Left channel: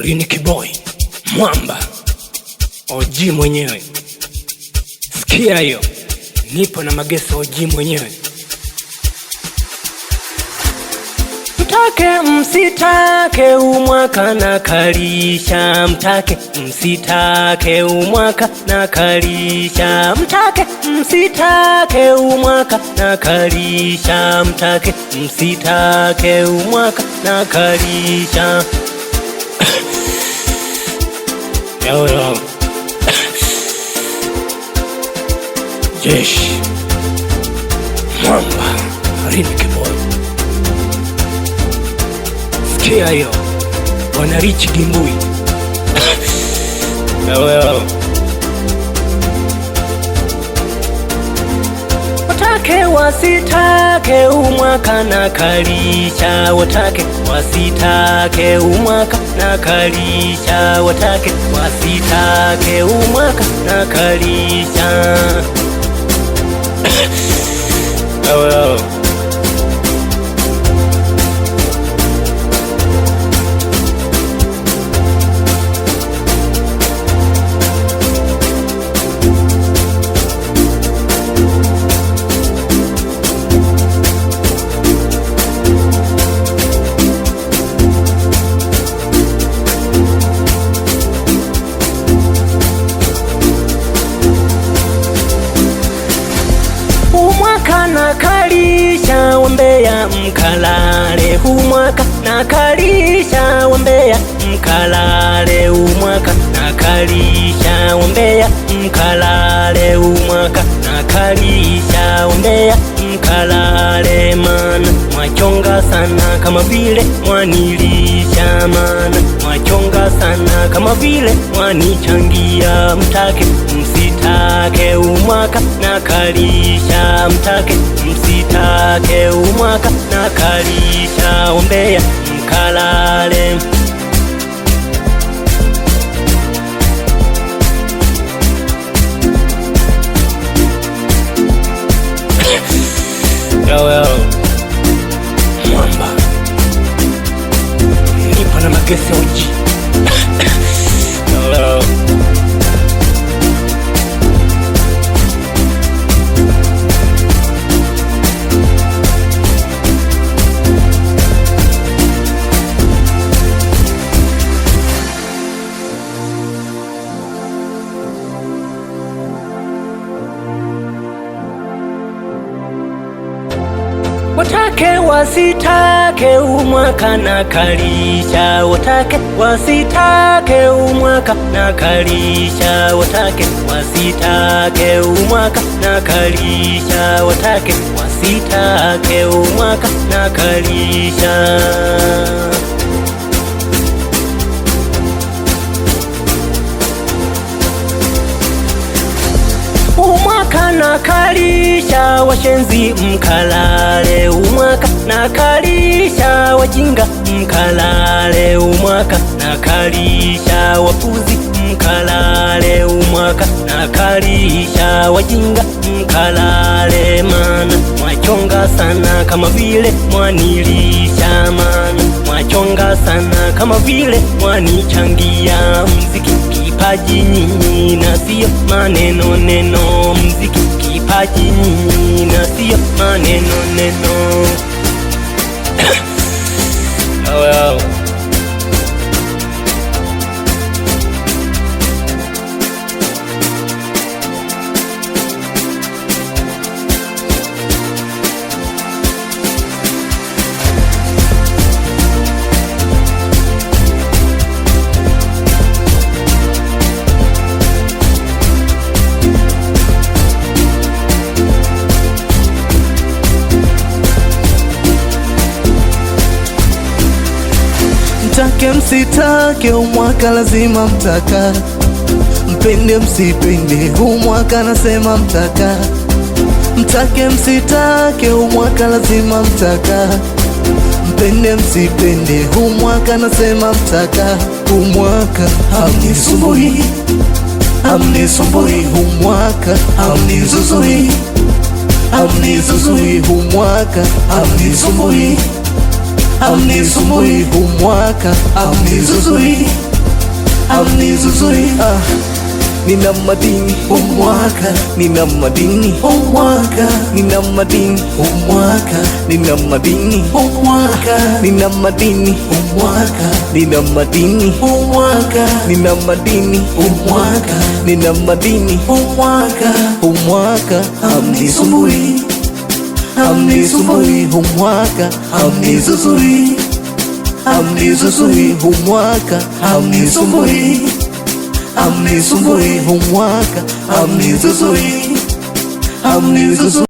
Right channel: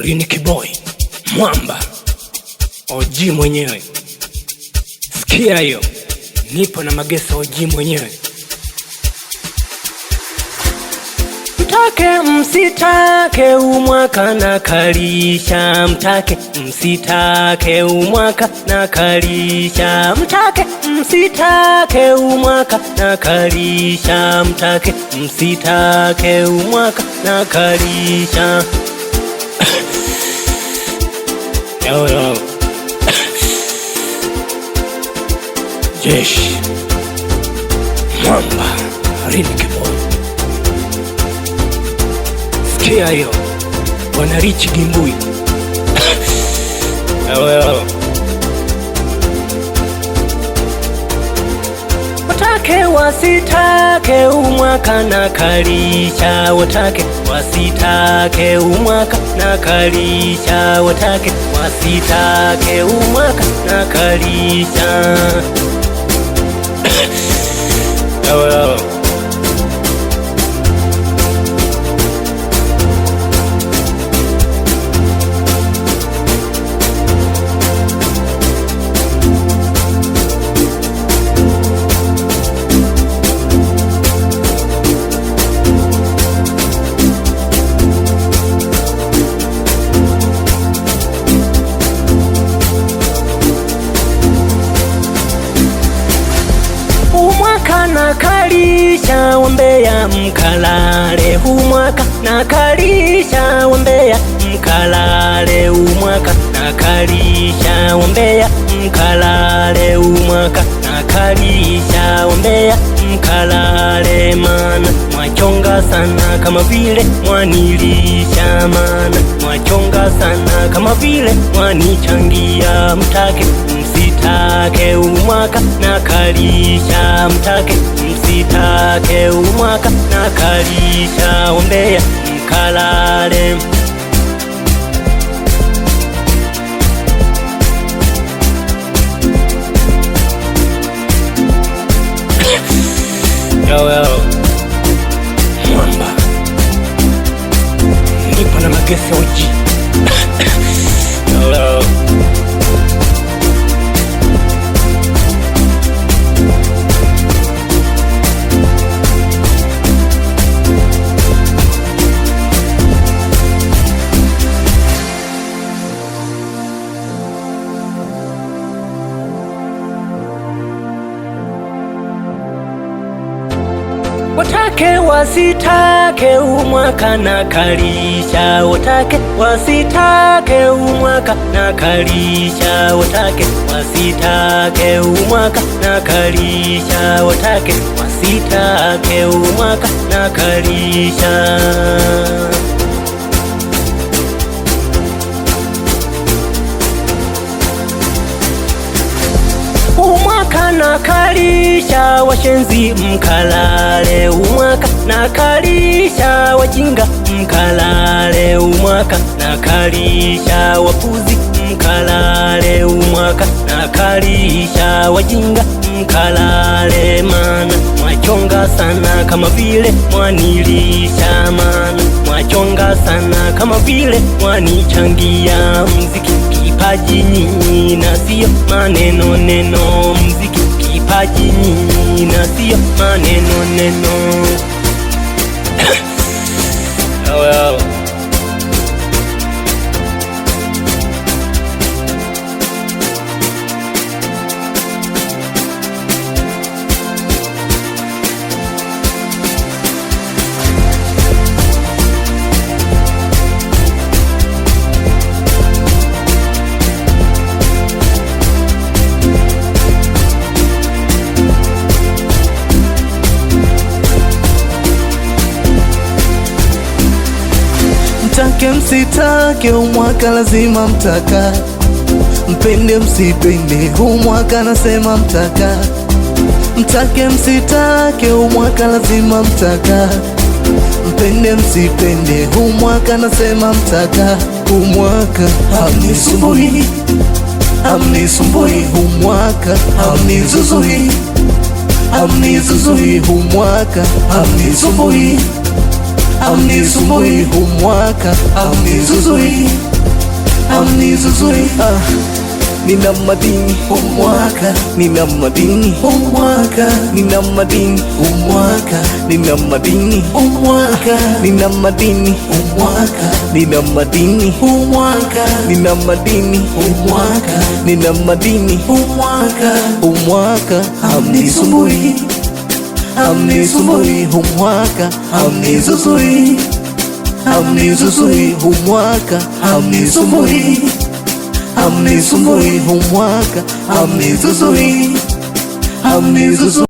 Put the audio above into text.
Riniki boy Mwamba OG mwenyewe, sikia hiyo, nipo na Mageso OG mwenyewe. Mtake msitake umwaka na kalisha, mtake msitake umwaka na kalisha, mtake msitake umwaka na kalisha, mtake msitake umwaka na kalisha. Yo. Jeshi Mwamba Riniki boy, sikia hiyo, wana Rich Gimbui. Watake wasitake umwaka na kalisha, watake wasitake umwaka na kalisha, watake wasitake umwaka na kalisha. Umwaka na kalisha wambea mkalale, umwaka na kalisha wambea mkalale, umwaka na kalisha wambea mkalale, umwaka na kalisha wambea mkalale. Mana mwachonga sana kama vile mwanilisha, mana mwachonga sana kama vile mwanichangia. Mtake msitake umwaka na kalisha, mtake msitake umwaka na kalisha wambea mkalale. Yo. Mwamba nipo na Mageso OG. Yo. Watake wasitake umwaka na kalisha, watake wasitake umwaka na kalisha, watake wasitake umwaka na kalisha, watake wasitake umwaka na kalisha. Umwaka na kalisha washenzi mkalale, umwaka na kalisha wajinga mkalale, umwaka na kalisha wapuzi mkalale, umwaka na kalisha wajinga mkalale. Mana mwachonga sana kama vile mwanilisha, mana mwachonga sana kama vile mwanichangia. Mziki kipaji nyinyi na sio maneno neno, mziki kipaji nyinyi na sio maneno neno. Yo. Mtake msitake umwaka lazima mtaka, mpende msipende umwaka nasema mtaka, mtake msitake umwaka lazima mtaka, mpende msipende umwaka nasema mtaka. Umwaka hamnisumbui, hamnisumbui, umwaka hamnizuzui, hamnizuzui, umwaka hamnisumbui, hamnisumbui humwaka, hamnizuzui, hamnizuzui. Nina madini, nina madini, nina madini, nina madini, nina madini, nina madini, nina madini, nina madini. Humwaka hamnisumbui, hamnisumbui humwaka, hamnizuzui, hamnizuzui humwaka, hamnisumbui, hamnisumbui humwaka, hamnizuzui, hamnizuzui.